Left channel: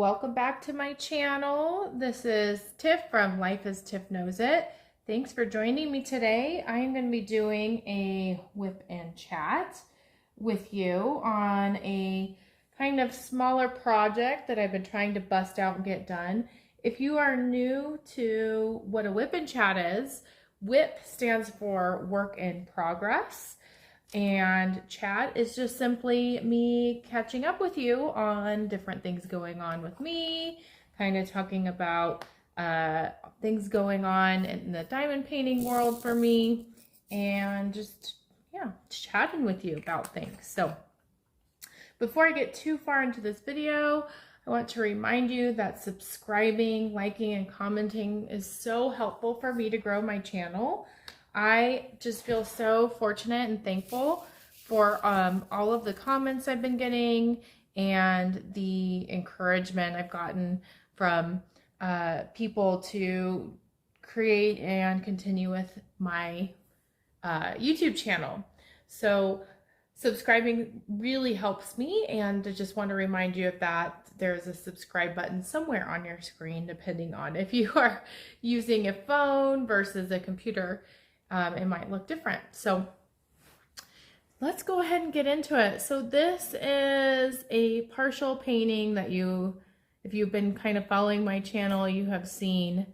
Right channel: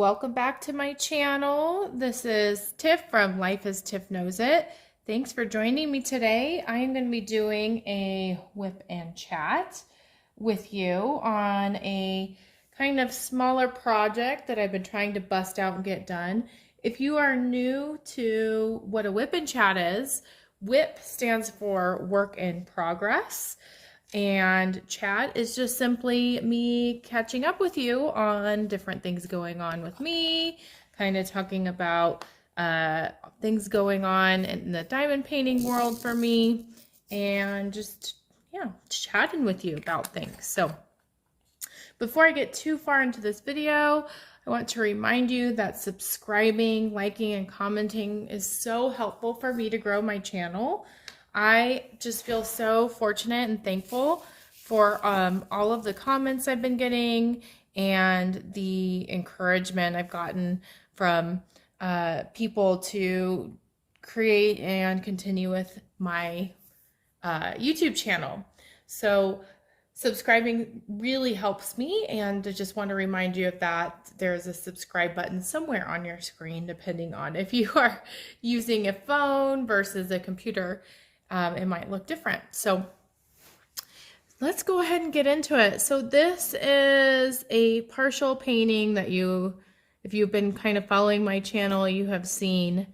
Welcome back to my channel. This is Tiff from Life as Tiff Knows It. Thanks for joining me today. I am going to be doing a whip and chat with you on a kind of smaller project that I've been trying to bust out and get done. If you are new to what a whip and chat is, WIP stands for work in progress. And chat is just simply me catching up with you on different things going on with me, kind of talking about things going on in the diamond painting world for me, and just, yeah, chatting with you about things. So before I get too far into this video, I want to remind you that subscribing, liking, and commenting is so helpful for me to grow my channel. I just feel so fortunate and thankful for all of the comments I've been getting and the encouragement I've gotten from people to create and continue with my YouTube channel. So subscribing really helps me, and I just want to remind you of that. There's a subscribe button somewhere on your screen, depending on if you are using a phone versus a computer. It might look different. So let's go ahead and get into it. So this is a partial painting that if you've been kind of following my channel, you have seen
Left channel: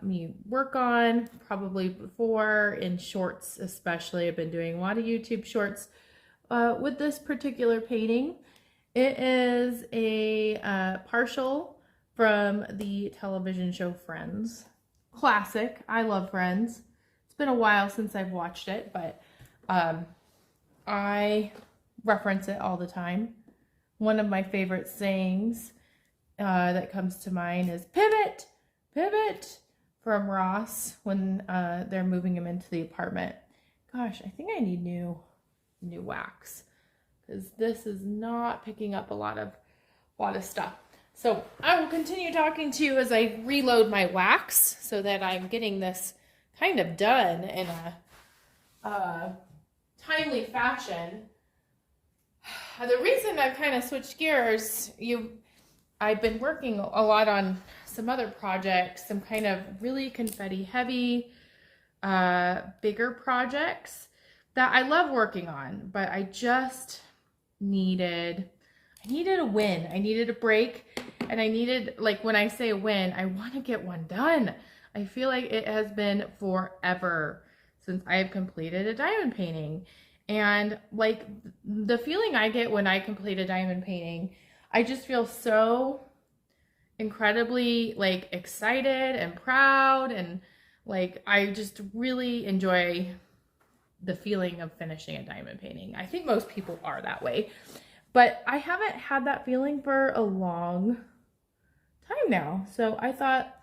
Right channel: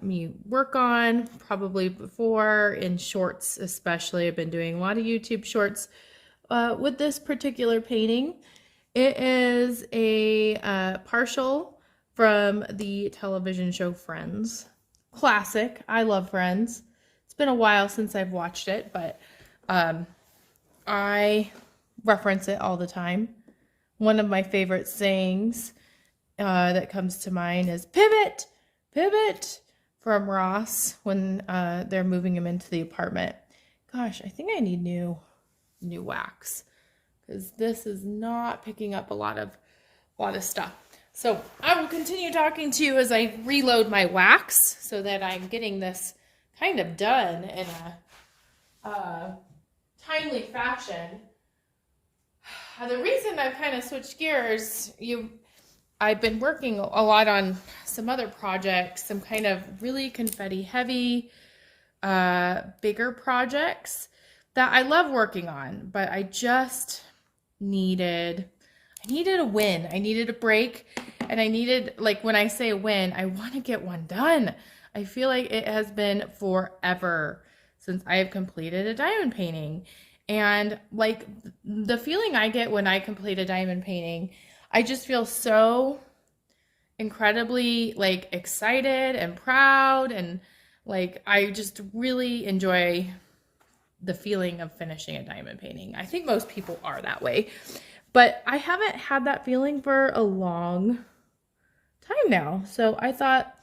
me work on probably before, in shorts especially. I've been doing a lot of YouTube shorts with this particular painting. It is a partial from the television show Friends. Classic. I love Friends. It's been a while since I've watched it, but I reference it all the time. One of my favorite sayings that comes to mind is "pivot, pivot," from Ross when they're moving him into the apartment. Gosh, I think I need new wax, because this is not picking up a lot of stuff. So I will continue talking to you as I reload my wax so that I'm getting this kind of done in a timely fashion. The reason I've kind of switched gears, I've been working a lot on some other projects, some kind of really confetti heavy, bigger projects that I love working on, but I just needed a win. I needed a break, and I needed, like, when I say win, I want to get one done. I feel like it has been forever since I have completed a diamond painting. And like the feeling I get when I complete a diamond painting, I just feel so incredibly like excited and proud, and like I just really enjoy the feeling of finishing a diamond painting. I think most people are that way, but I haven't had that feeling for a long time now. So I thought,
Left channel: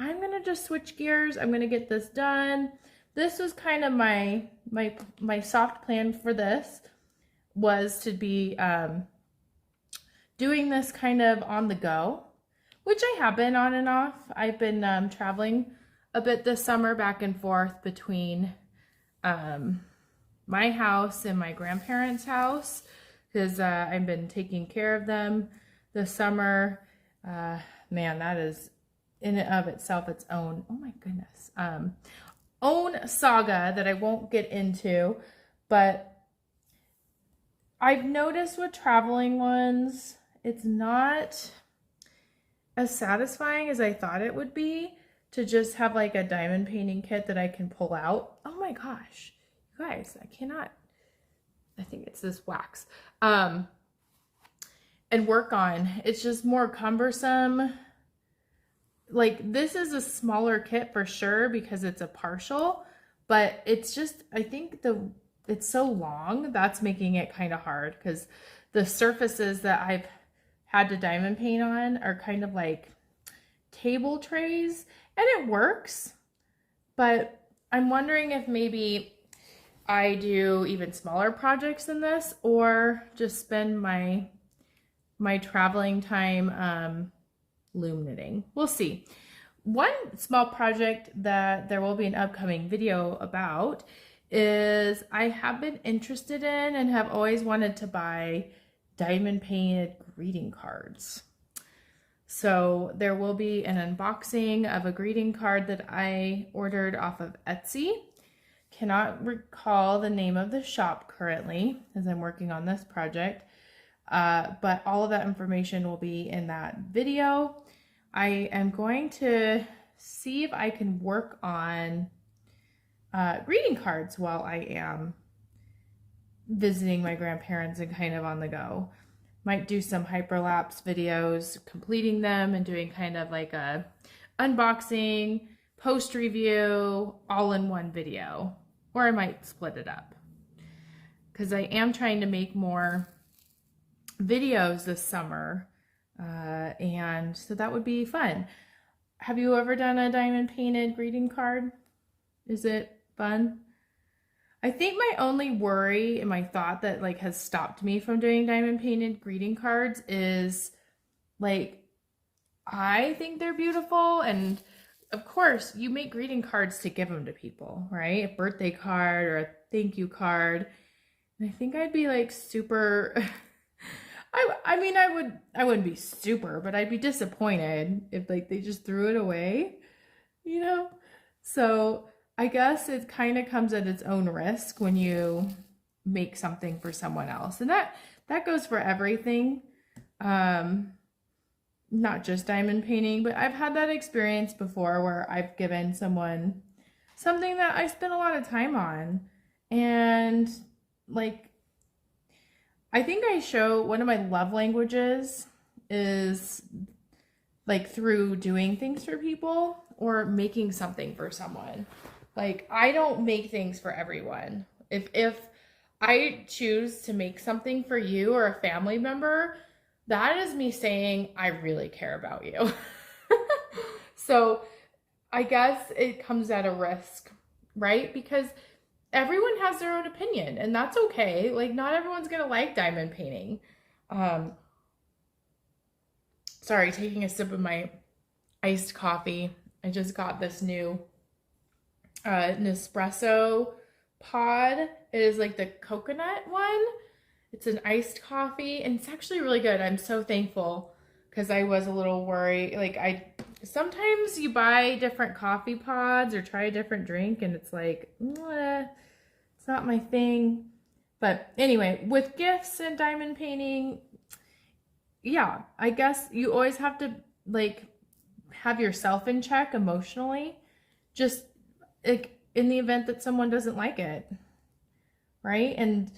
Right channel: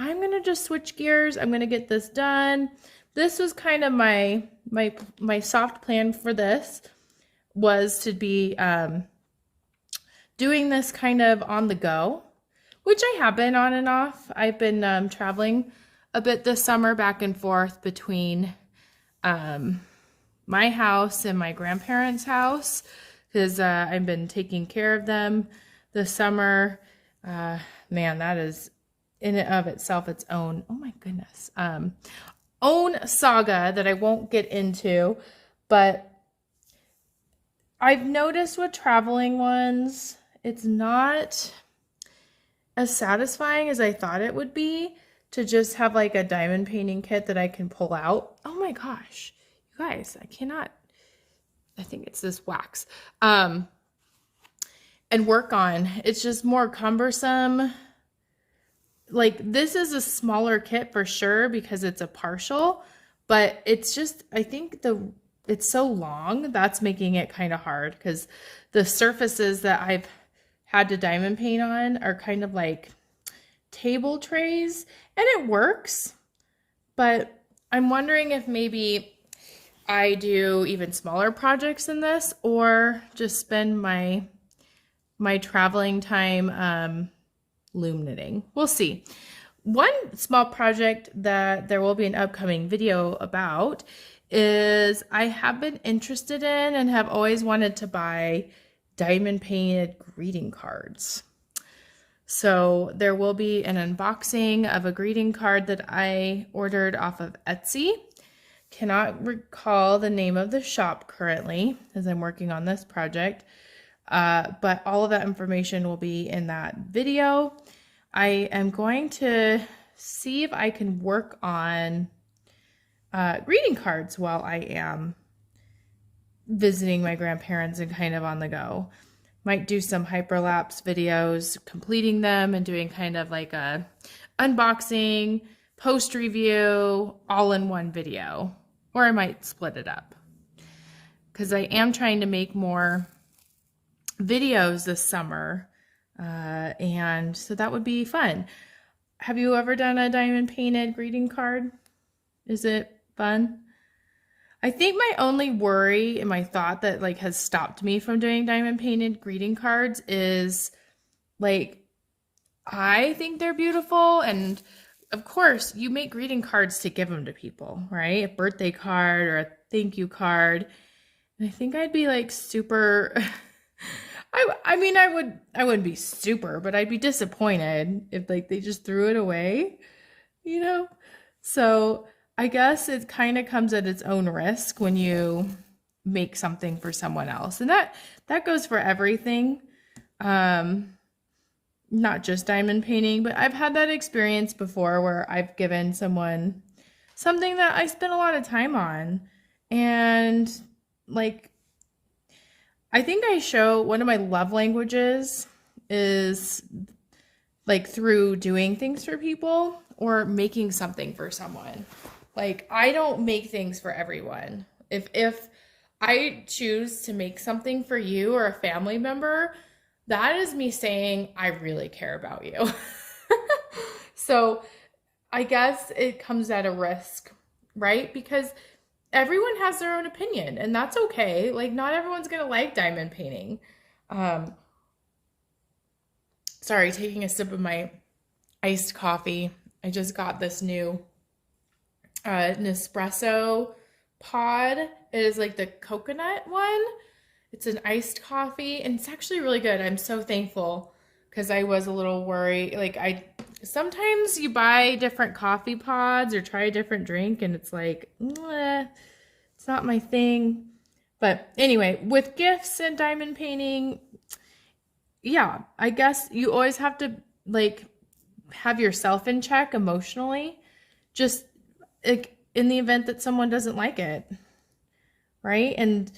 I'm gonna just switch gears. I'm gonna get this done. This was kind of my soft plan for this, was to be doing this kind of on the go, which I have been on and off. I've been traveling a bit this summer, back and forth between my house and my grandparents' house, because I've been taking care of them this summer. Man, that is in and of itself its own, oh my goodness, own saga that I won't get into. But I've noticed with traveling ones, it's not as satisfying as I thought it would be to just have like a diamond painting kit that I can pull out. Oh my gosh, you guys, I think it's this wax, and work on. It's just more cumbersome. Like, this is a smaller kit for sure because it's a partial, but it's just, I think it's so long, that's making it kind of hard, because the surfaces that I've had to diamond paint on are kind of like table trays, and it works, but I'm wondering if maybe I do even smaller projects than this, or just spend my traveling time loom knitting. We'll see. One small project that there will be an upcoming video about is I have been interested in and have always wanted to buy diamond painted greeting cards. So there will be an unboxing of a greeting card that I ordered off of Etsy. Cannot recall the name of the shop currently as I'm working on this project, but all of that information will be in that video. I am going to see if I can work on greeting cards while I am visiting my grandparents and kind of on the go. Might do some hyperlapse videos, completing them and doing kind of like a unboxing, post review, all in one video. Or I might split it up because I am trying to make more videos this summer. And so that would be fun. Have you ever done a diamond painted greeting card? Is it fun? I think my only worry and my thought that like has stopped me from doing diamond painted greeting cards is like, I think they're beautiful. And of course you make greeting cards to give them to people, right? A birthday card or a thank you card. And I think I'd be like super, I mean, I wouldn't be super, but I'd be disappointed if like they just threw it away, you know? So I guess it kind of comes at its own risk when you make something for someone else. And that goes for everything. Not just diamond painting, but I've had that experience before where I've given someone something that I spent a lot of time on. And like, I think I show one of my love languages is like through doing things for people or making something for someone. Like, I don't make things for everyone. If I choose to make something for you or a family member, that is me saying, I really care about you. So I guess it comes at a risk, right? Because everyone has their own opinion and that's okay. Like, not everyone's going to like diamond painting. Sorry, taking a sip of my iced coffee. I just got this new Nespresso pod. It is like the coconut one. It's an iced coffee and it's actually really good. I'm so thankful because I was a little worried. Like, sometimes you buy different coffee pods or try a different drink and it's like, it's not my thing. But anyway, with gifts and diamond painting, yeah, I guess you always have to like have yourself in check emotionally. Just like in the event that someone doesn't like it, right? And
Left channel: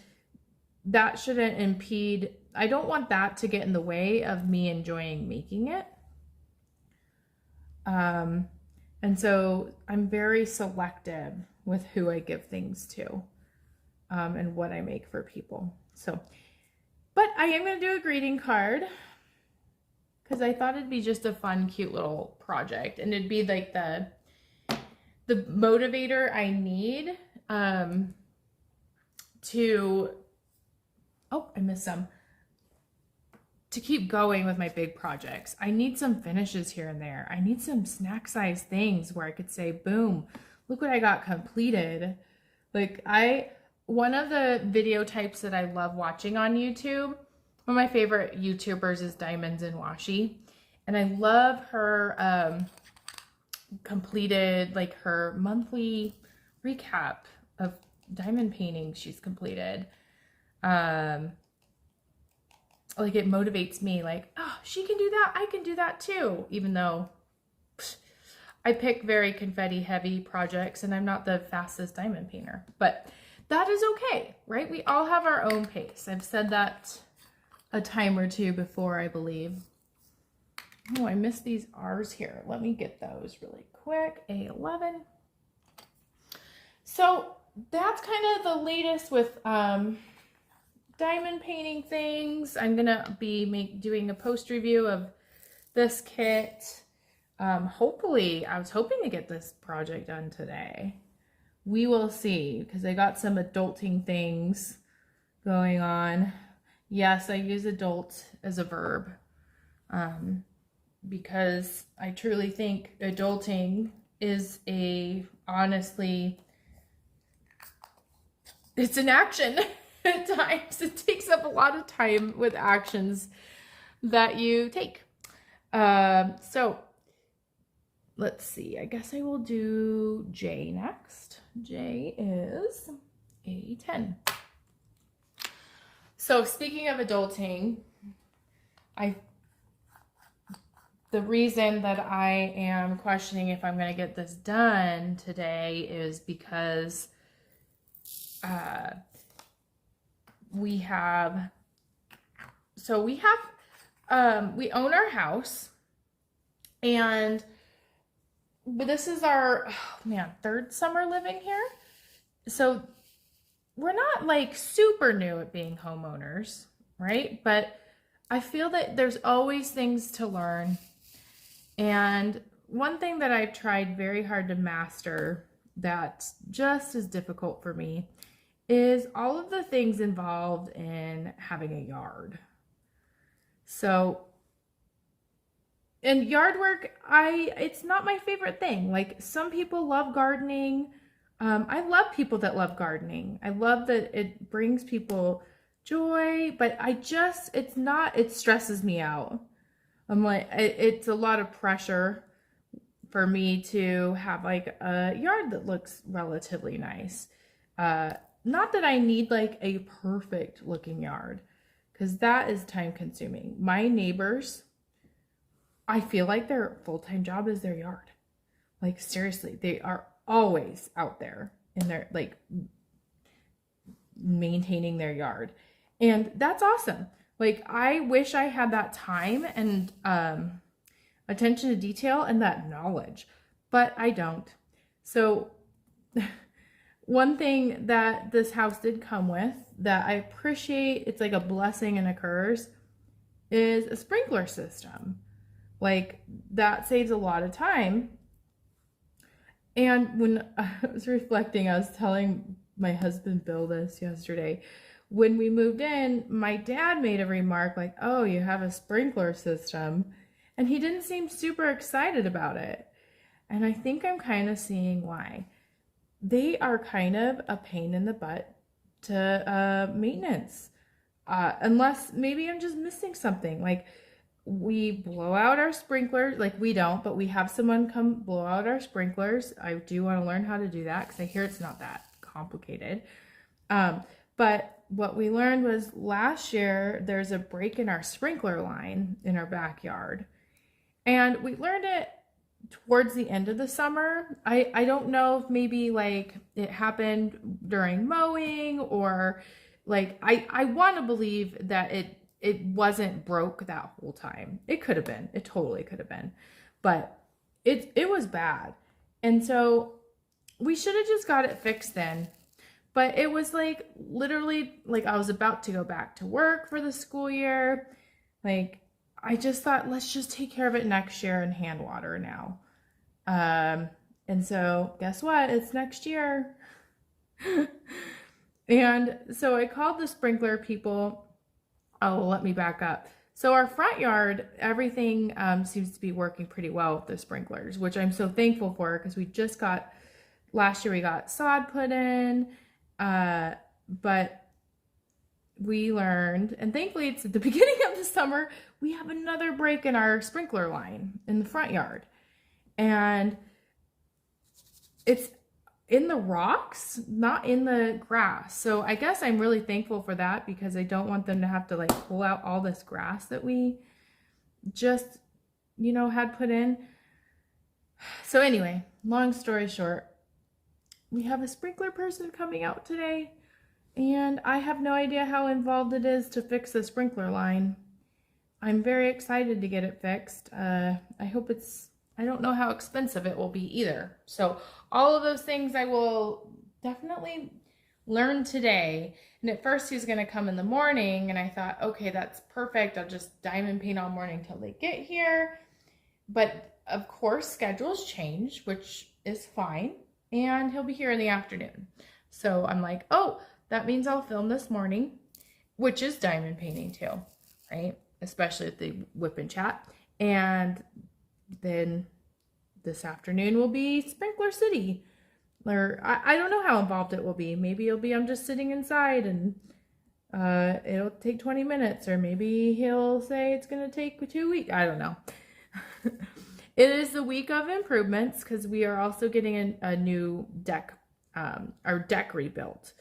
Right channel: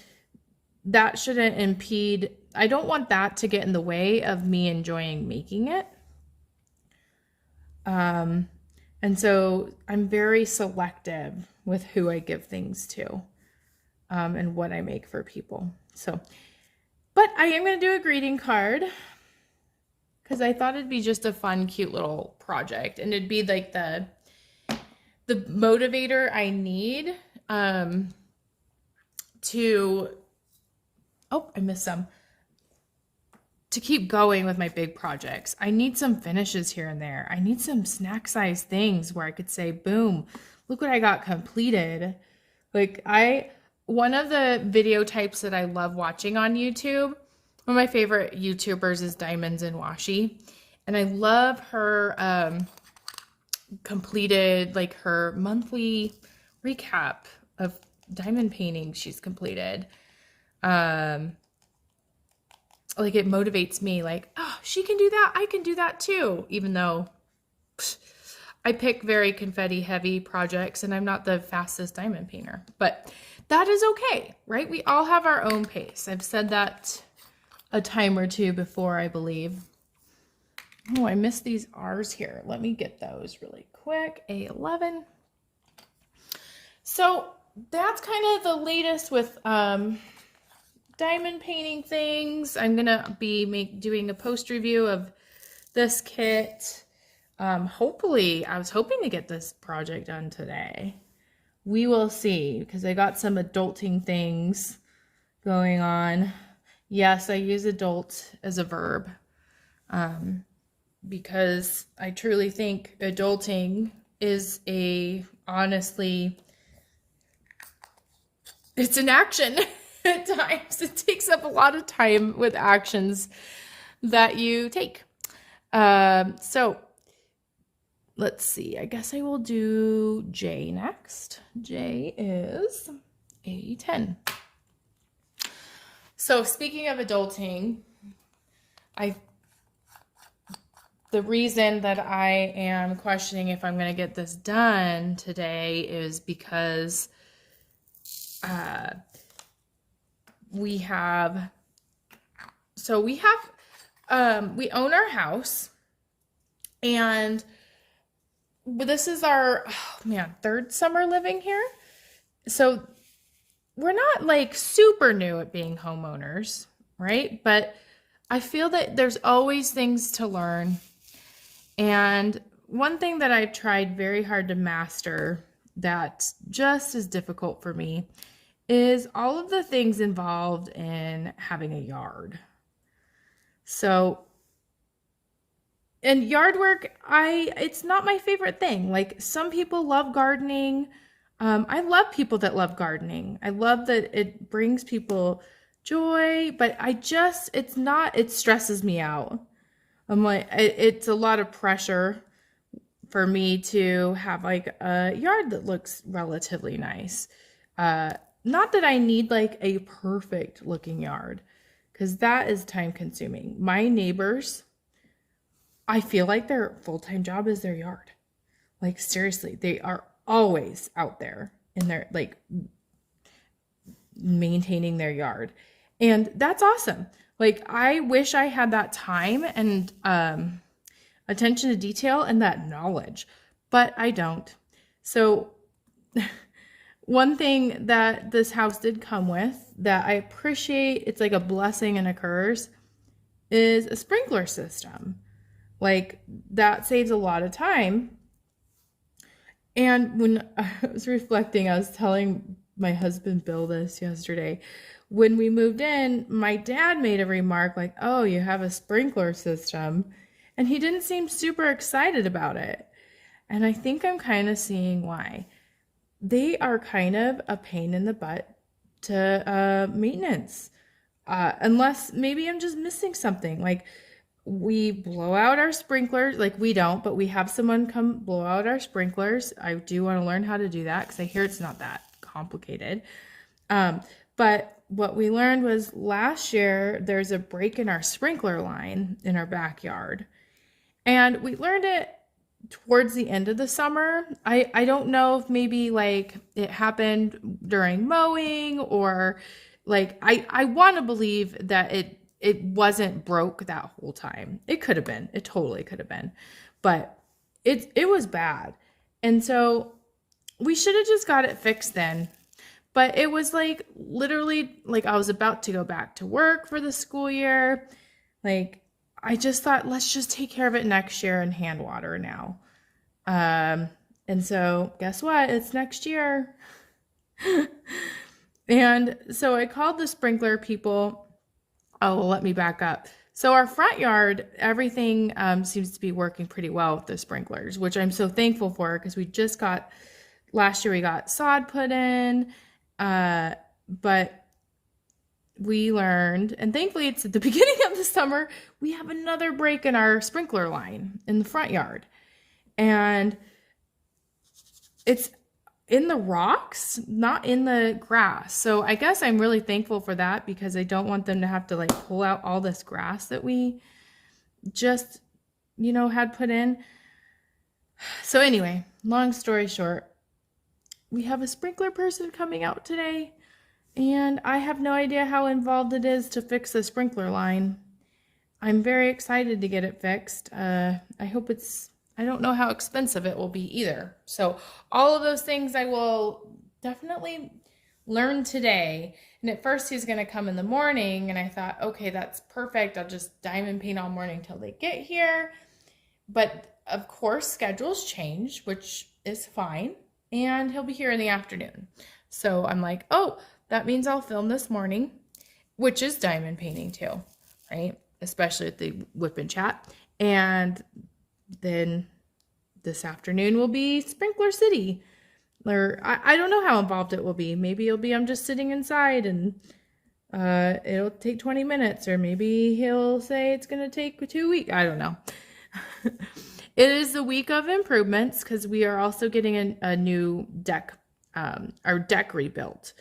that shouldn't impede. I don't want that to get in the way of me enjoying making it. And so I'm very selective with who I give things to, and what I make for people. So, but I am going to do a greeting card because I thought it'd be just a fun, cute little project. And it'd be like the motivator I need to, oh, I missed some, to keep going with my big projects. I need some finishes here and there. I need some snack size things where I could say, boom, look what I got completed. Like one of the video types that I love watching on YouTube, one of my favorite YouTubers is Diamonds and Washi. And I love her completed, like her monthly recap of diamond paintings she's completed. Like it motivates me, like, oh, she can do that, I can do that too, even though I pick very confetti heavy projects and I'm not the fastest diamond painter, but that is okay, right? We all have our own pace. I've said that a time or two before, I believe. Oh, I missed these R's here. Let me get those really quick. A11. So that's kind of the latest with diamond painting things. I'm gonna be doing a post review of this kit. Hopefully, I was hoping to get this project done today. We will see, because I got some adulting things going on. Yes, I use adult as a verb, because I truly think adulting is honestly, it's an action. At times it takes up a lot of time with actions that you take. So let's see. I guess I will do J next. J is a 10. So speaking of adulting, the reason that I am questioning if I'm going to get this done today is because we own our house, and this is our, third summer living here. So we're not like super new at being homeowners, right? But I feel that there's always things to learn. And one thing that I've tried very hard to master that's just as difficult for me is all of the things involved in having a yard. So, and yard work, it's not my favorite thing. Like, some people love gardening. I love people that love gardening. I love that it brings people joy, but it stresses me out. I'm like, it's a lot of pressure for me to have like a yard that looks relatively nice. Not that I need like a perfect looking yard, because that is time consuming. My neighbors, I feel like their full-time job is their yard. Like, seriously, they are always out there in their, like, maintaining their yard. And that's awesome. Like, I wish I had that time and attention to detail and that knowledge, but I don't. So one thing that this house did come with that I appreciate, it's like a blessing and a curse, is a sprinkler system. Like, that saves a lot of time. And when I was reflecting, I was telling my husband Bill this yesterday. When we moved in, my dad made a remark like, "Oh, you have a sprinkler system." And he didn't seem super excited about it. And I think I'm kind of seeing why. They are kind of a pain in the butt to maintenance. Unless maybe I'm just missing something. Like, we blow out our sprinklers. Like, we don't, but we have someone come blow out our sprinklers. I do want to learn how to do that because I hear it's not that complicated. But what we learned was last year there's a break in our sprinkler line in our backyard. And we learned it towards the end of the summer. I don't know if maybe like it happened during mowing, or like I want to believe that it wasn't broke that whole time. It could have been. It totally could have been. But it was bad. And so we should have just got it fixed then. But it was like literally like I was about to go back to work for the school year. Like, I just thought, let's just take care of it next year and hand water now. And so guess what? It's next year. And so I called the sprinkler people. Oh, well, let me back up. So our front yard, everything seems to be working pretty well with the sprinklers, which I'm so thankful for, because last year we got sod put in. But we learned, and thankfully it's at the beginning of the summer, we have another break in our sprinkler line in the front yard. And it's in the rocks, not in the grass. So I guess I'm really thankful for that, because I don't want them to have to like pull out all this grass that we just, had put in. So anyway, long story short, we have a sprinkler person coming out today, and I have no idea how involved it is to fix the sprinkler line. I'm very excited to get it fixed. I don't know how expensive it will be either. So all of those things I will definitely learn today. And at first he's going to come in the morning, and I thought, okay, that's perfect. I'll just diamond paint all morning till they get here. But of course, schedules change, which is fine. And he'll be here in the afternoon. So I'm like, oh, that means I'll film this morning, which is diamond painting too, right? Especially at the Wipnchat. And then this afternoon will be Sprinkler City. Or I don't know how involved it will be. Maybe it'll be I'm just sitting inside and it'll take 20 minutes. Or maybe he'll say it's going to take 2 weeks. I don't know. It is the week of improvements because we are also getting a new deck, our deck rebuilt.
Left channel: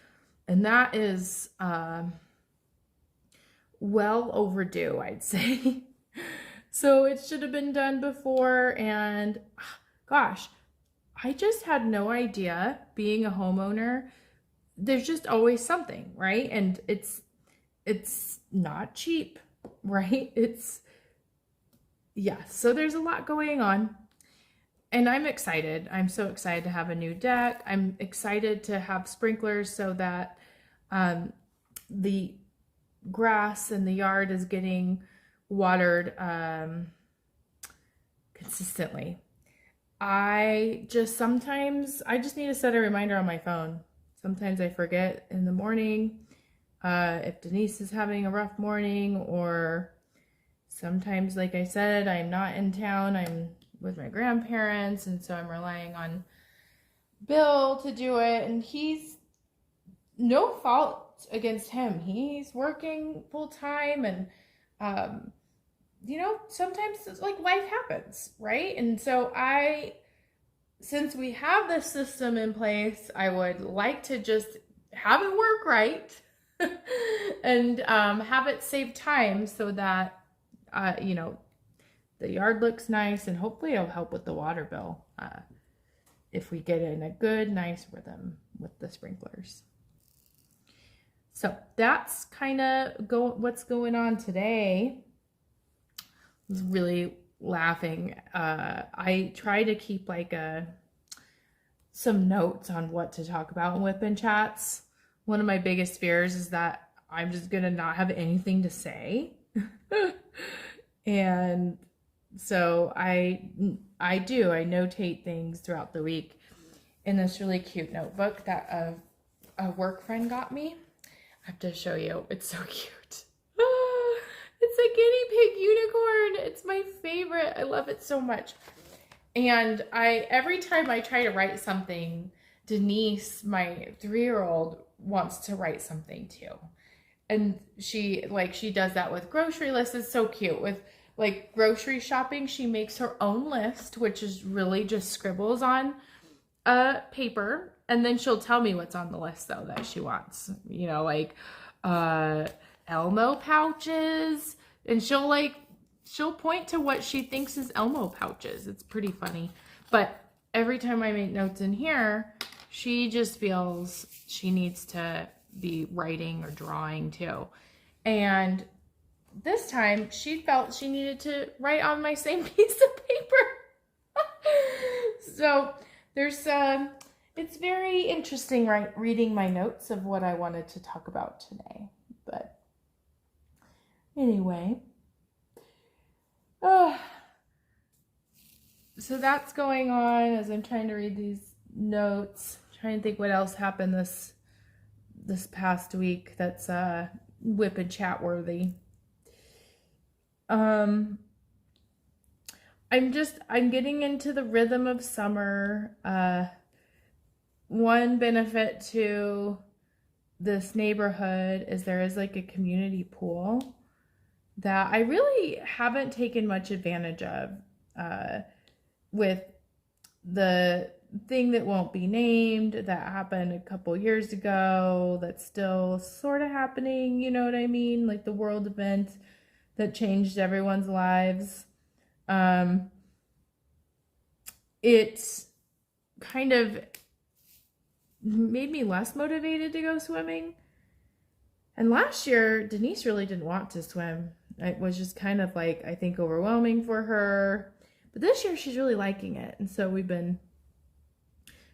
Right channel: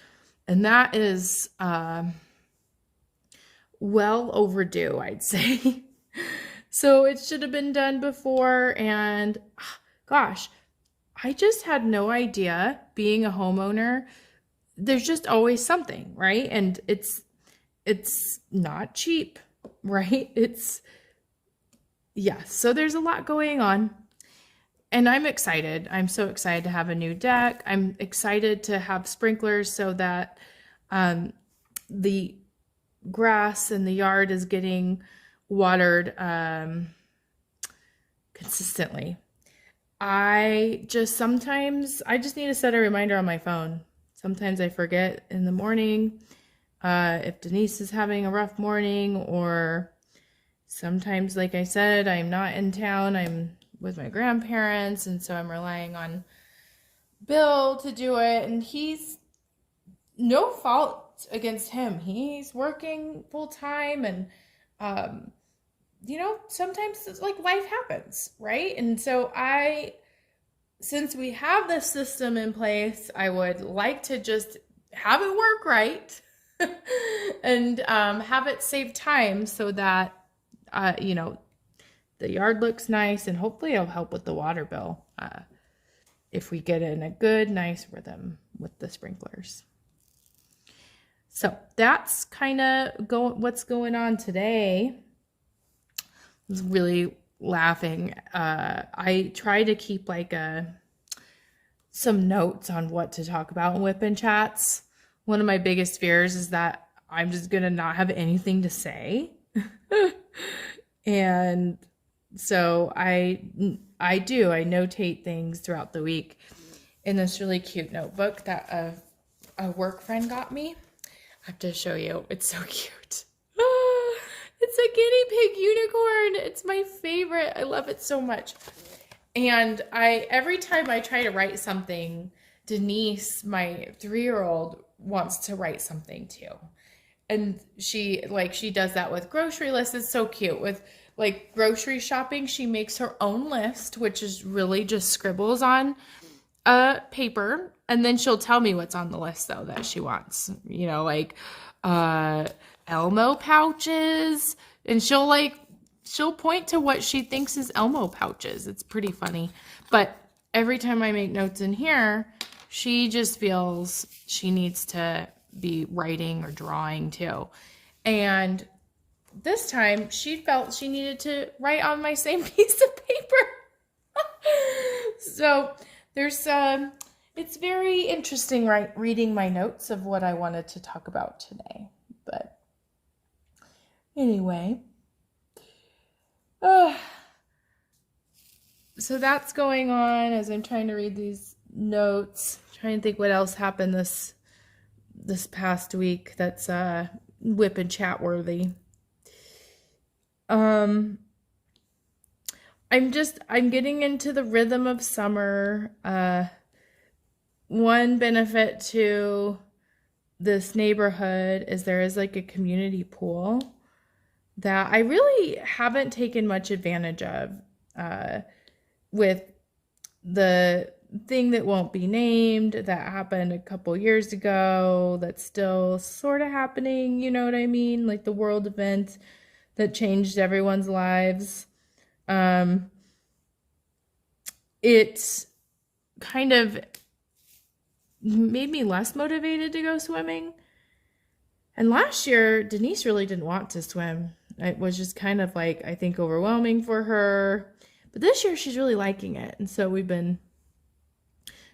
And that is well overdue, I'd say. So it should have been done before. And gosh, I just had no idea, being a homeowner, there's just always something, right? And it's not cheap, right? Yeah, so there's a lot going on. And I'm excited. I'm so excited to have a new deck. I'm excited to have sprinklers so that the grass in the yard is getting watered consistently. I just need to set a reminder on my phone. Sometimes I forget in the morning if Denise is having a rough morning, or sometimes, like I said, I'm not in town. I'm with my grandparents, and so I'm relying on Bill to do it, and he's no fault against him. He's working full time, and sometimes it's like life happens, right? And so since we have this system in place, I would like to just have it work right and have it save time so that the yard looks nice, and hopefully it'll help with the water bill if we get in a good, nice rhythm with the sprinklers. So that's kind of what's going on today. I was really laughing. I try to keep like some notes on what to talk about in Wipnchats. One of my biggest fears is that I'm just gonna not have anything to say. And so I notate things throughout the week in this really cute notebook that a work friend got me. I have to show you. It's so cute. It's a guinea pig unicorn. It's my favorite. I love it so much. And every time I try to write something, Denise, my 3-year-old, wants to write something too. And she does that with grocery lists. It's so cute. With like grocery shopping, she makes her own list, which is really just scribbles on a paper. And then she'll tell me what's on the list though that she wants, like Elmo pouches. And she'll point to what she thinks is Elmo pouches. It's pretty funny. But every time I make notes in here, she just feels she needs to be writing or drawing too. And this time she felt she needed to write on my same piece of paper. So there's it's very interesting, right, reading my notes of what I wanted to talk about today. But anyway, so that's going on as I'm trying to read these notes, trying to think what else happened this past week that's WIP and chat worthy. I'm getting into the rhythm of summer. One benefit to this neighborhood is there is like a community pool that I really haven't taken much advantage of with the thing that won't be named that happened a couple years ago that's still sort of happening, you know what I mean? Like the world event that changed everyone's lives. It kind of made me less motivated to go swimming. And last year, Denise really didn't want to swim. It was just kind of like, I think, overwhelming for her. But this year, she's really liking it. And so we've been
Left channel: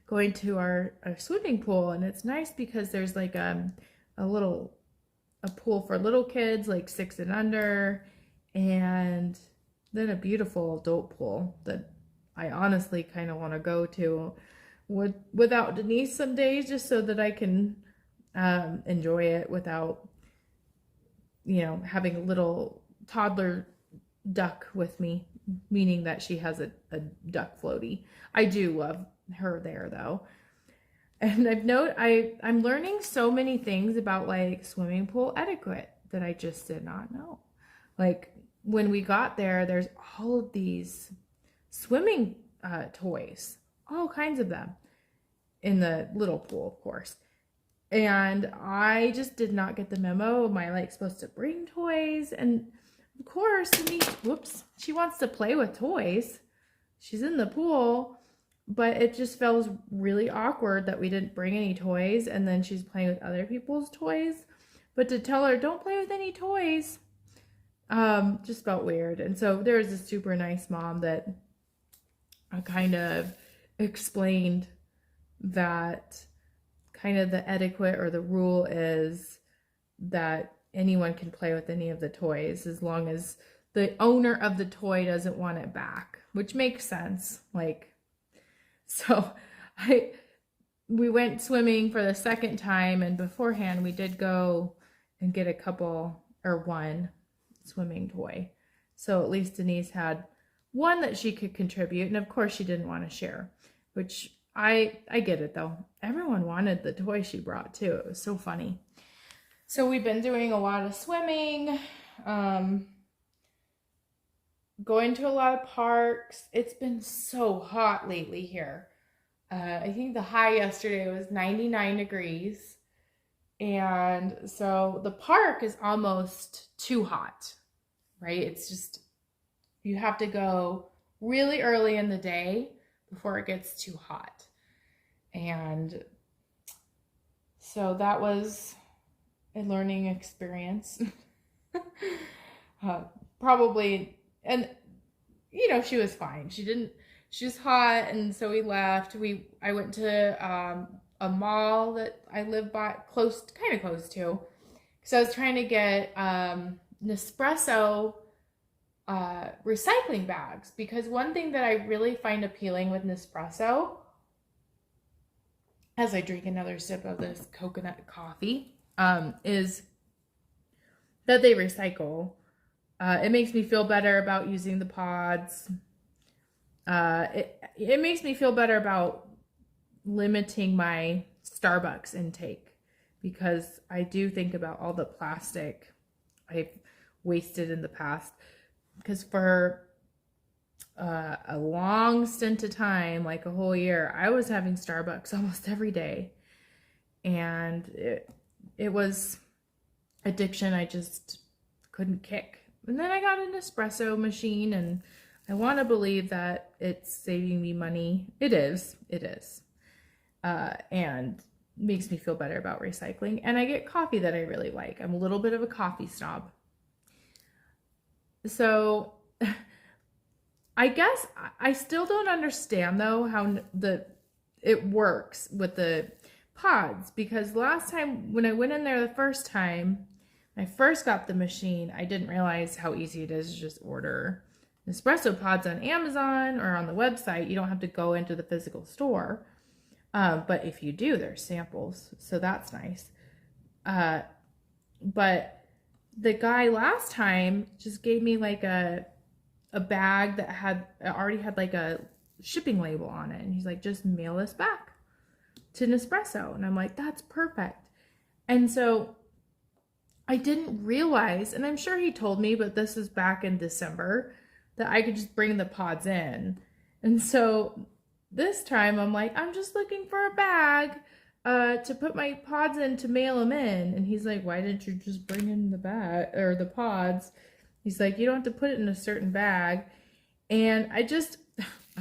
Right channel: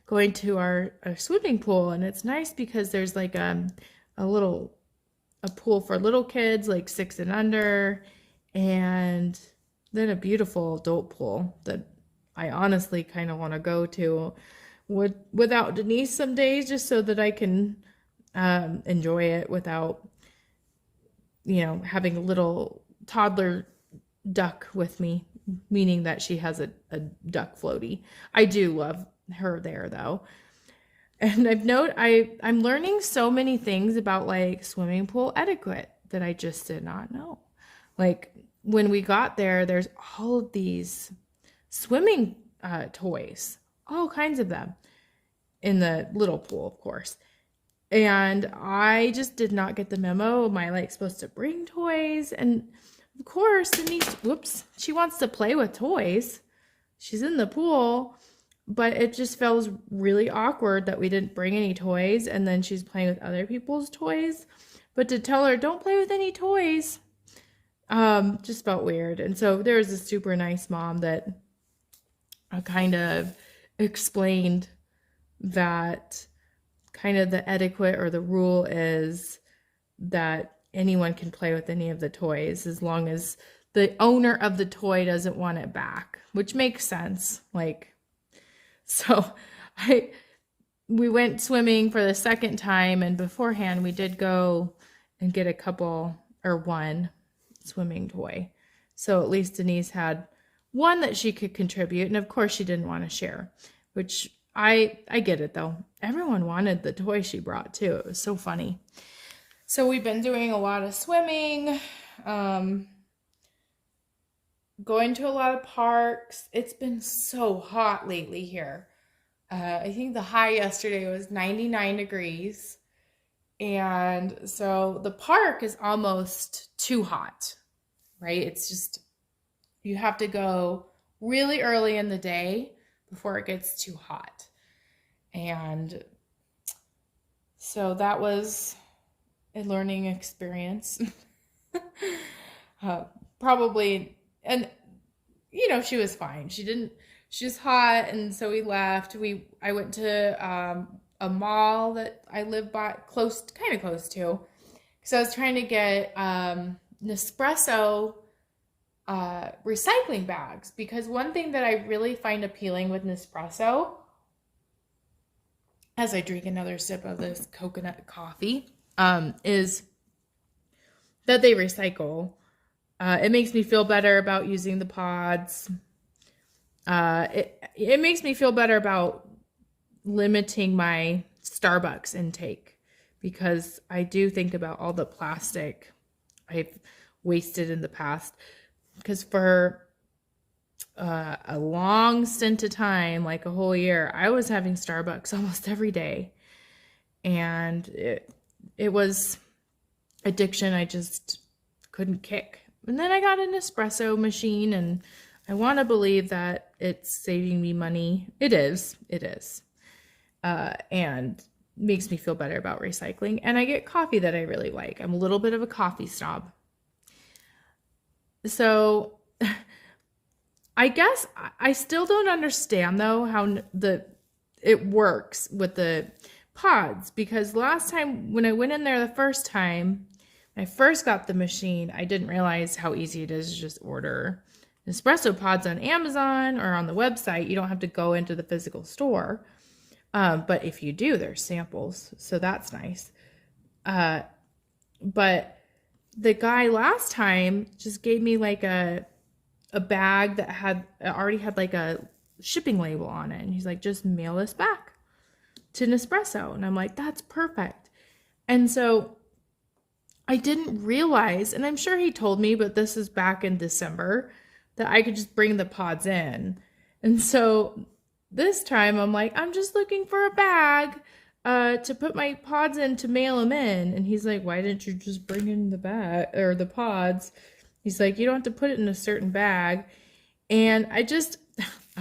going to our swimming pool. And it's nice because there's like a pool for little kids, like 6 and under. And then a beautiful adult pool that I honestly kind of want to go to without Denise some days, just so that I can enjoy it without, having a little toddler duck with me, meaning that she has a duck floaty. I do love her there though. And I'm learning so many things about like swimming pool etiquette that I just did not know. Like when we got there, there's all of these swimming toys, all kinds of them in the little pool, of course. And I just did not get the memo. Am I like supposed to bring toys? And of course, Denise, whoops, she wants to play with toys. She's in the pool, but it just feels really awkward that we didn't bring any toys, and then she's playing with other people's toys. But to tell her, don't play with any toys, just felt weird. And so there was a super nice mom that kind of explained that kind of the etiquette or the rule is that anyone can play with any of the toys as long as the owner of the toy doesn't want it back, which makes sense. Like, so we went swimming for the second time, and beforehand we did go and get a couple or one swimming toy. So at least Denise had one that she could contribute, and of course she didn't want to share, which I get it though. Everyone wanted the toy she brought too. It was so funny. So we've been doing a lot of swimming, going to a lot of parks. It's been so hot lately here. I think the high yesterday was 99 degrees. And so the park is almost too hot, right? It's just, you have to go really early in the day before it gets too hot. And so that was a learning experience. Probably, and you know, she was fine. She was hot, and so we left. I went to a mall that I live by, kind of close to, because I was trying to get Nespresso recycling bags, because one thing that I really find appealing with Nespresso, as I drink another sip of this coconut coffee, is that they recycle. It makes me feel better about using the pods. It makes me feel better about limiting my Starbucks intake, because I do think about all the plastic I've wasted in the past. Because for a long stint of time, like a whole year, I was having Starbucks almost every day, and it was addiction I just couldn't kick. And then I got an espresso machine, and I want to believe that it's saving me money. It is, and makes me feel better about recycling. And I get coffee that I really like. I'm a little bit of a coffee snob. So I guess I still don't understand though how it works with the pods, because last time when I went in there the first time, when I first got the machine, I didn't realize how easy it is to just order espresso pods on Amazon or on the website. You don't have to go into the physical store. But if you do, there's samples, so that's nice. But the guy last time just gave me like a bag that already had like a shipping label on it, and he's like, just mail this back to Nespresso. And I'm like, that's perfect. And so I didn't realize, and I'm sure he told me, but this is back in December, that I could just bring the pods in. And so this time I'm like, I'm just looking for a bag to put my pods in to mail them in. And he's like, why didn't you just bring in the bag or the pods? He's like, you don't have to put it in a certain bag. And I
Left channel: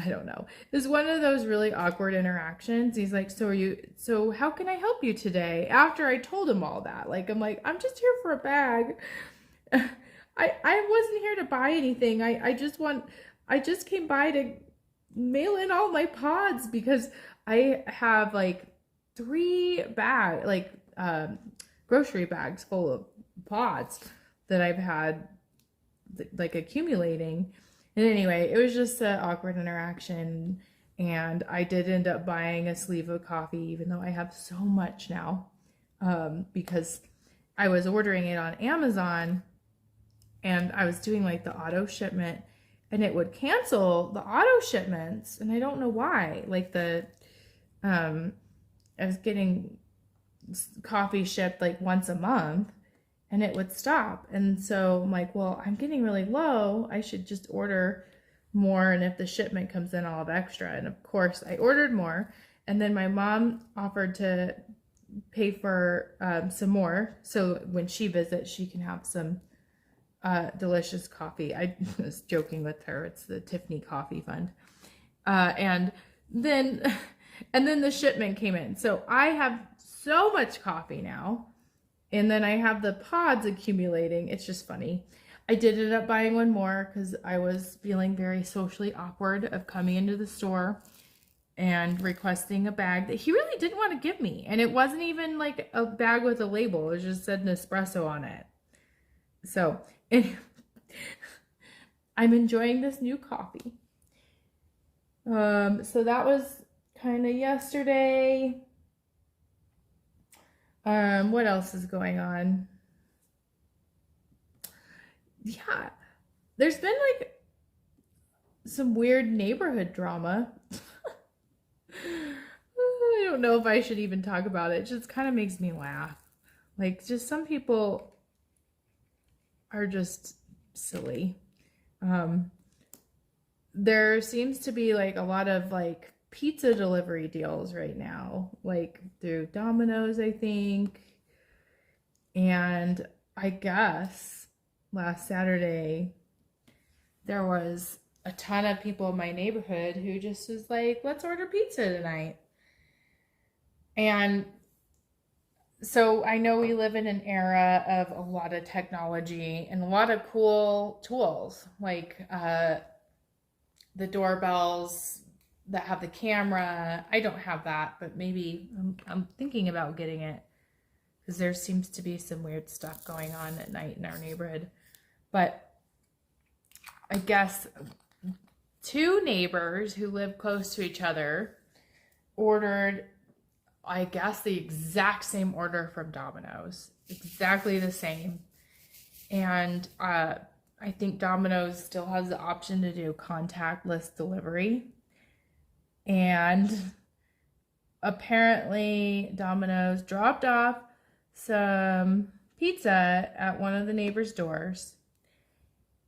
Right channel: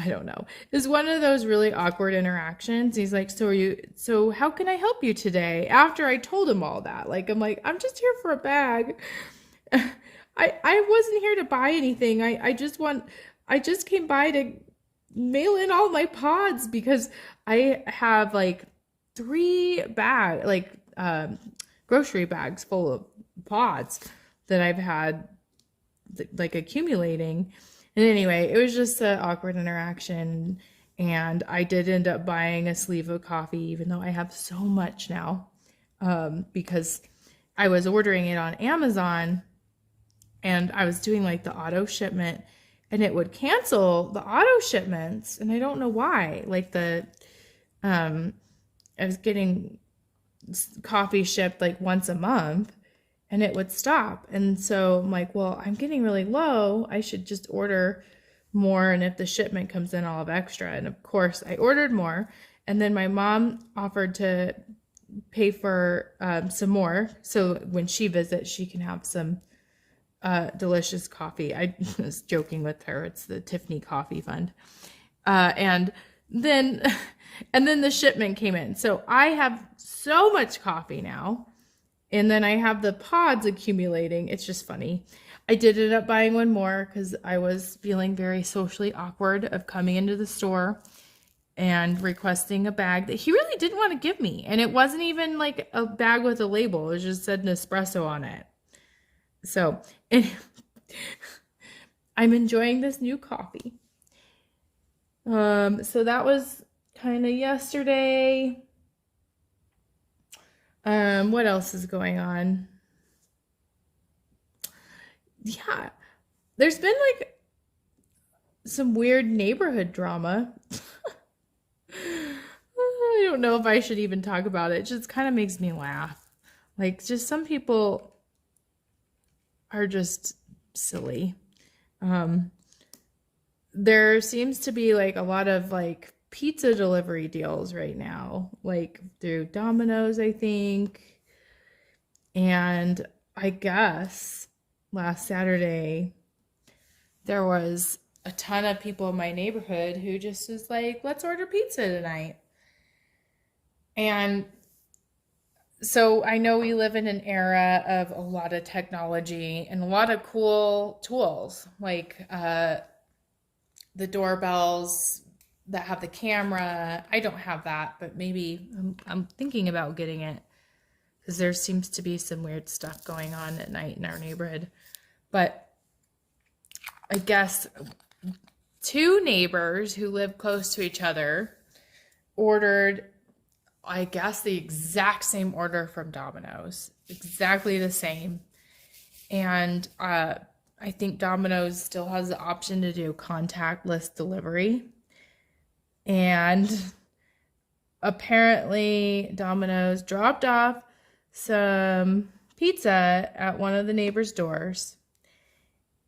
don't know. It's one of those really awkward interactions. He's like, so how can I help you today? After I told him all that, I'm like, I'm just here for a bag. I wasn't here to buy anything. I just came by to mail in all my pods, because I have like 3 grocery bags full of pods that I've had like accumulating. And anyway, it was just an awkward interaction, and I did end up buying a sleeve of coffee, even though I have so much now, because I was ordering it on Amazon, and I was doing like the auto shipment, and it would cancel the auto shipments, and I don't know why. I was getting coffee shipped like once a month, and it would stop. And so I'm like, well, I'm getting really low. I should just order more. And if the shipment comes in, I'll have extra. And of course I ordered more. And then my mom offered to pay for some more. So when she visits, she can have some delicious coffee. I was joking with her. It's the Tiffany Coffee Fund. And then the shipment came in. So I have so much coffee now. And then I have the pods accumulating. It's just funny. I did end up buying one more because I was feeling very socially awkward of coming into the store and requesting a bag that he really didn't want to give me. And it wasn't even like a bag with a label. It just said Nespresso on it. So I'm enjoying this new coffee. So that was kind of yesterday. What else is going on? Yeah, there's been like some weird neighborhood drama. I don't know if I should even talk about it. It just kind of makes me laugh. Like, just some people are just silly. There seems to be like a lot of like pizza delivery deals right now, like through Domino's, I think. And I guess last Saturday there was a ton of people in my neighborhood who just was like, let's order pizza tonight. And so I know we live in an era of a lot of technology and a lot of cool tools, like the doorbells that have the camera. I don't have that, but maybe I'm thinking about getting it because there seems to be some weird stuff going on at night in our neighborhood. But I guess two neighbors who live close to each other ordered, I guess, the exact same order from Domino's, exactly the same. And I think Domino's still has the option to do contactless delivery. And apparently Domino's dropped off some pizza at one of the neighbors' doors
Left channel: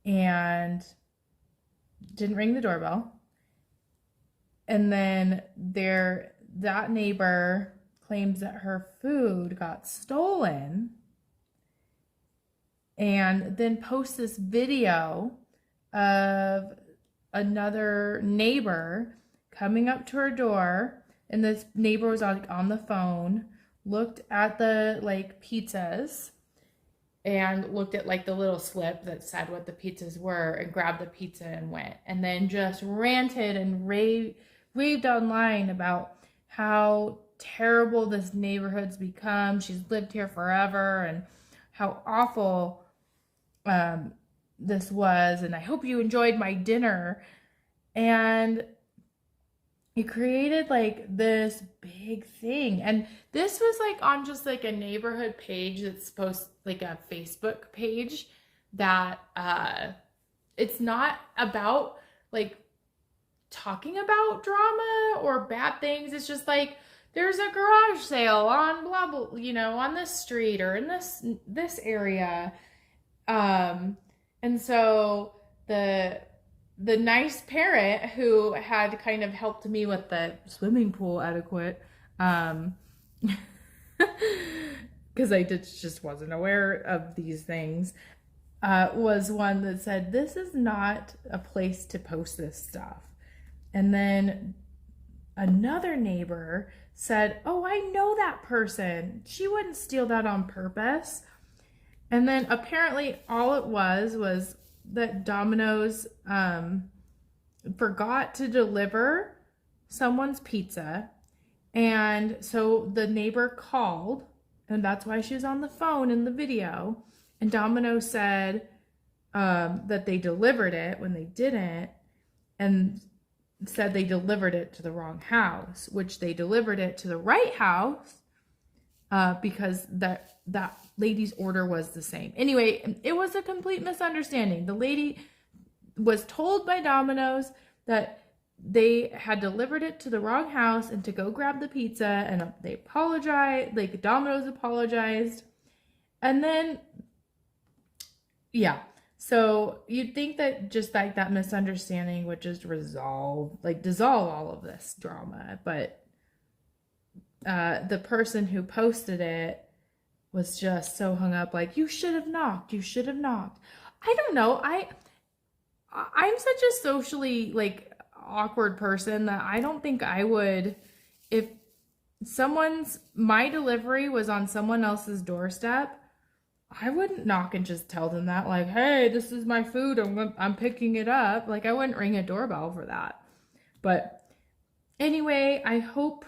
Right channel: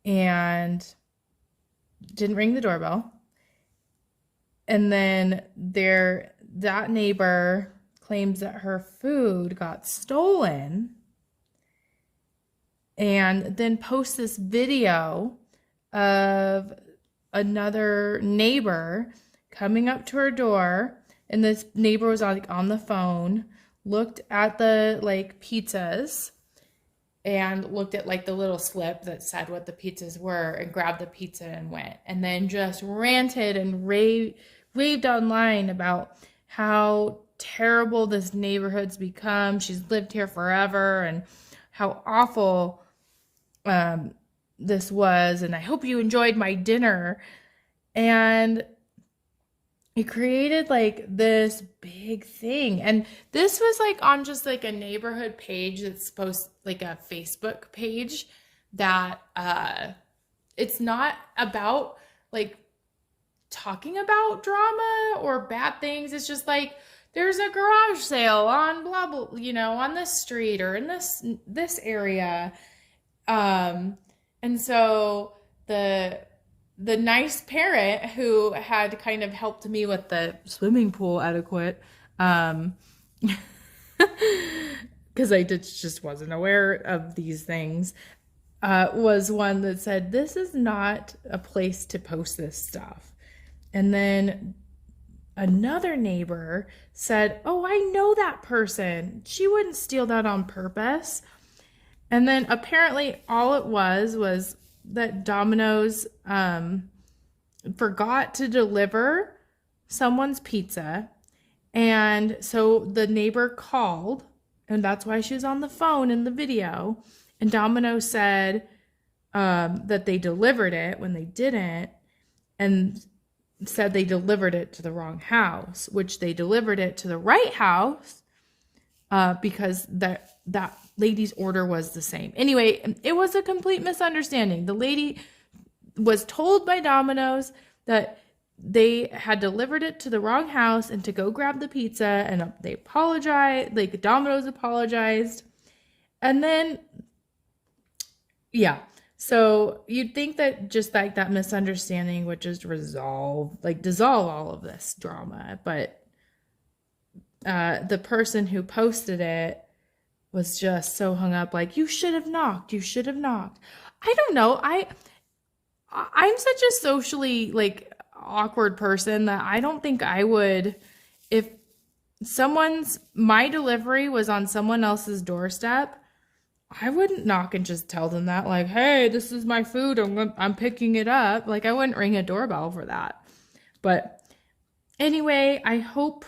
and didn't ring the doorbell. And then that neighbor claims that her food got stolen and then posts this video of another neighbor coming up to her door, and this neighbor was on the phone, looked at the like pizzas and looked at like the little slip that said what the pizzas were and grabbed the pizza and went, and then just ranted and raved online about how terrible this neighborhood's become. She's lived here forever and how awful this was, and I hope you enjoyed my dinner. And it created like this big thing. And this was like on just like a neighborhood page that's supposed, like a Facebook page that it's not about like talking about drama or bad things. It's just like there's a garage sale on blah blah, you know, on this street or in this area. And so the nice parent who had kind of helped me with the swimming pool etiquette, because I just wasn't aware of these things, was one that said, this is not a place to post this stuff. And then another neighbor said, oh, I know that person. She wouldn't steal that on purpose. And then apparently all it was that Domino's forgot to deliver someone's pizza. And so the neighbor called, and that's why she was on the phone in the video. And Domino's said that they delivered it when they didn't, and said they delivered it to the wrong house, which they delivered it to the right house because that lady's order was the same. Anyway, it was a complete misunderstanding. The lady was told by Domino's that they had delivered it to the wrong house and to go grab the pizza, and they apologized, like Domino's apologized. And then Yeah. So you'd think that just like that misunderstanding would just dissolve all of this drama. But the person who posted it was just so hung up, like, you should have knocked. You should have knocked. I don't know. I'm such a socially like awkward person that I don't think I would, if my delivery was on someone else's doorstep, I wouldn't knock and just tell them that, like, hey, this is my food. I'm picking it up. Like, I wouldn't ring a doorbell for that. But anyway, I hope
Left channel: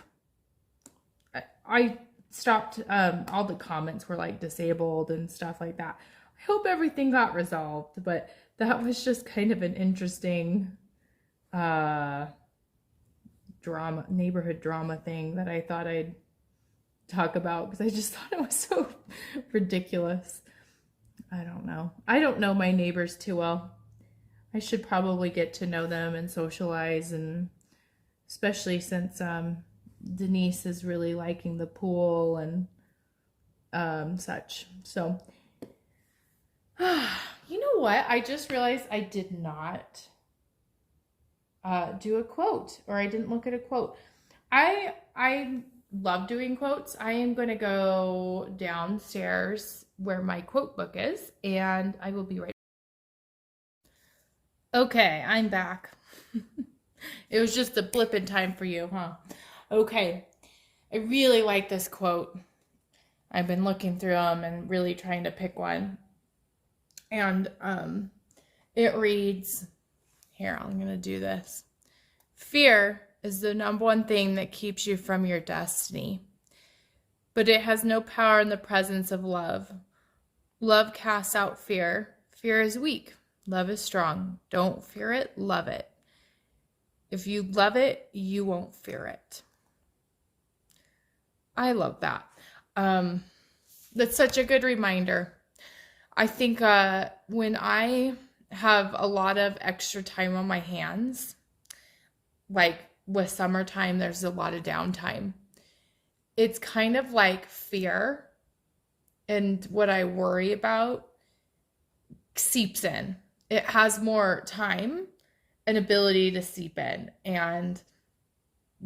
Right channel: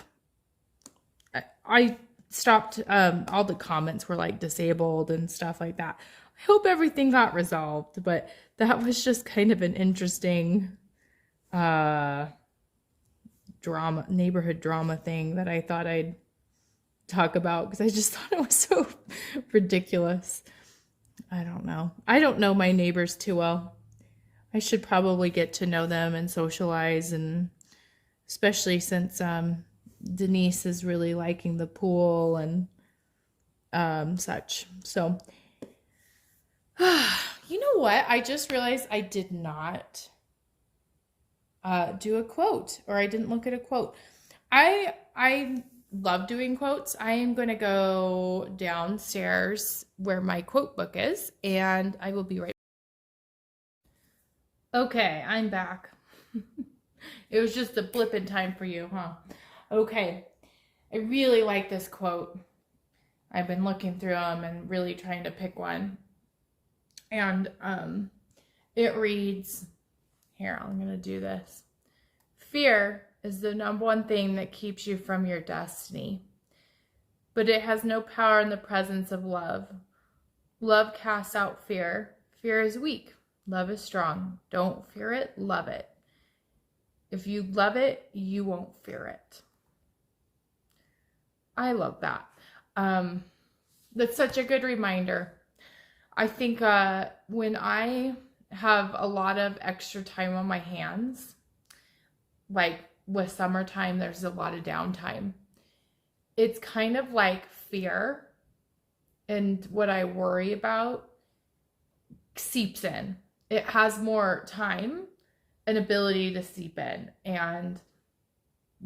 I stopped, all the comments were like disabled and stuff like that. I hope everything got resolved, but that was just kind of an interesting neighborhood drama thing that I thought I'd talk about because I just thought it was so ridiculous. I don't know. I don't know my neighbors too well. I should probably get to know them and socialize, and especially since Denise is really liking the pool and such. So, you know what? I just realized I did not do a quote, or I didn't look at a quote. I love doing quotes. I am going to go downstairs where my quote book is, and I will be right back. Okay, I'm back. It was just a blip in time for you, huh? Okay, I really like this quote. I've been looking through them and really trying to pick one. And it reads, here, I'm going to do this. Fear is the number one thing that keeps you from your destiny, but it has no power in the presence of love. Love casts out fear. Fear is weak. Love is strong. Don't fear it, love it. If you love it, you won't fear it. I love that. That's such a good reminder. I think when I have a lot of extra time on my hands, like with summertime, there's a lot of downtime. It's kind of like fear and what I worry about seeps in. It has more time and ability to seep in. And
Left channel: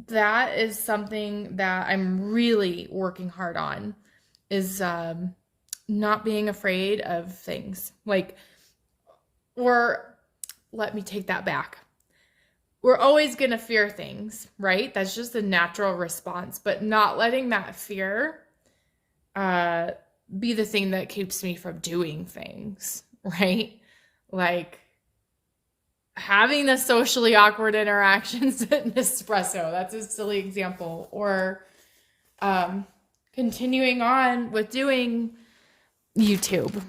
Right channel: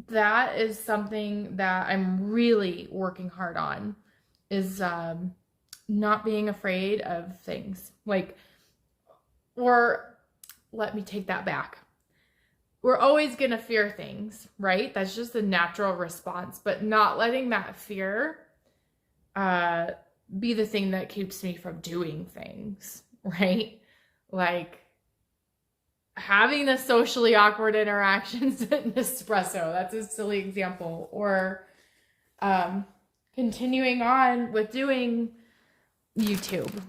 that is something that I'm really working hard on, is not being afraid of things. Or let me take that back. We're always going to fear things, right? That's just a natural response, but not letting that fear be the thing that keeps me from doing things, right? Like having the socially awkward interactions at Nespresso. That's a silly example. Or continuing on with doing YouTube,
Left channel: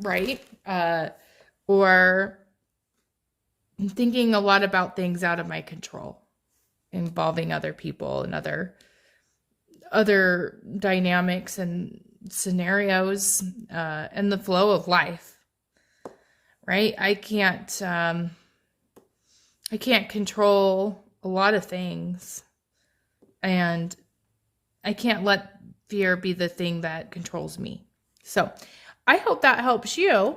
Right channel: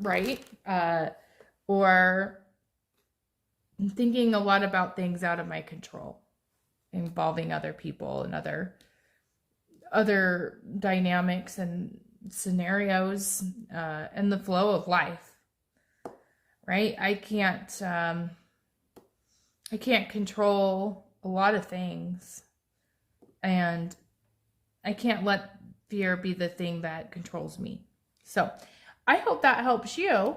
right? Or thinking a lot about things out of my control, involving other people and other dynamics and scenarios, and the flow of life, right? I can't control a lot of things, and I can't let fear be the thing that controls me. So I hope that helps you.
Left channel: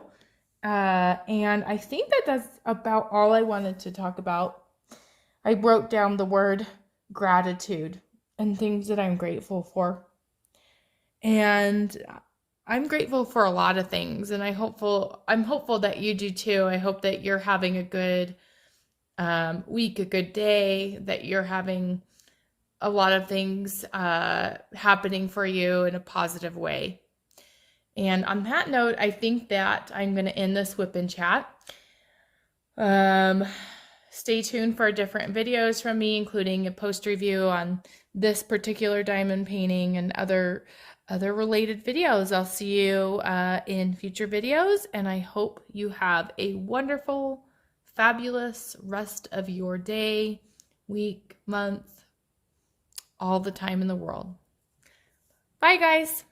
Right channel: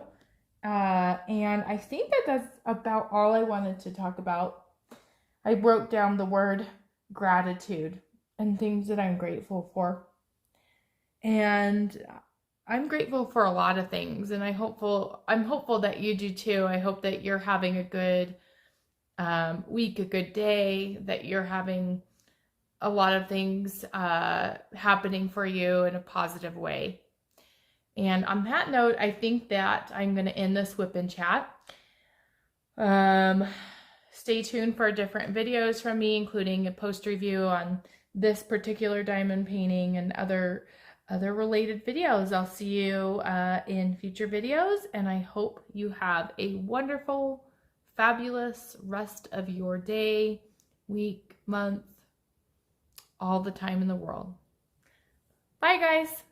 And I think that that's about all I wanted to talk about. I wrote down the word gratitude and things that I'm grateful for. And I'm grateful for a lot of things, and I'm hopeful that you do too. I hope that you're having a good week, a good day, that you're having a lot of things happening for you in a positive way. And on that note, I think that I'm going to end this Wipnchat. Stay tuned for different videos from me, including a post review on this particular diamond painting and other related videos. I'll see you in future videos, and I hope you have a wonderful, fabulous rest of your day, week, month, all the time in the world. Bye, guys.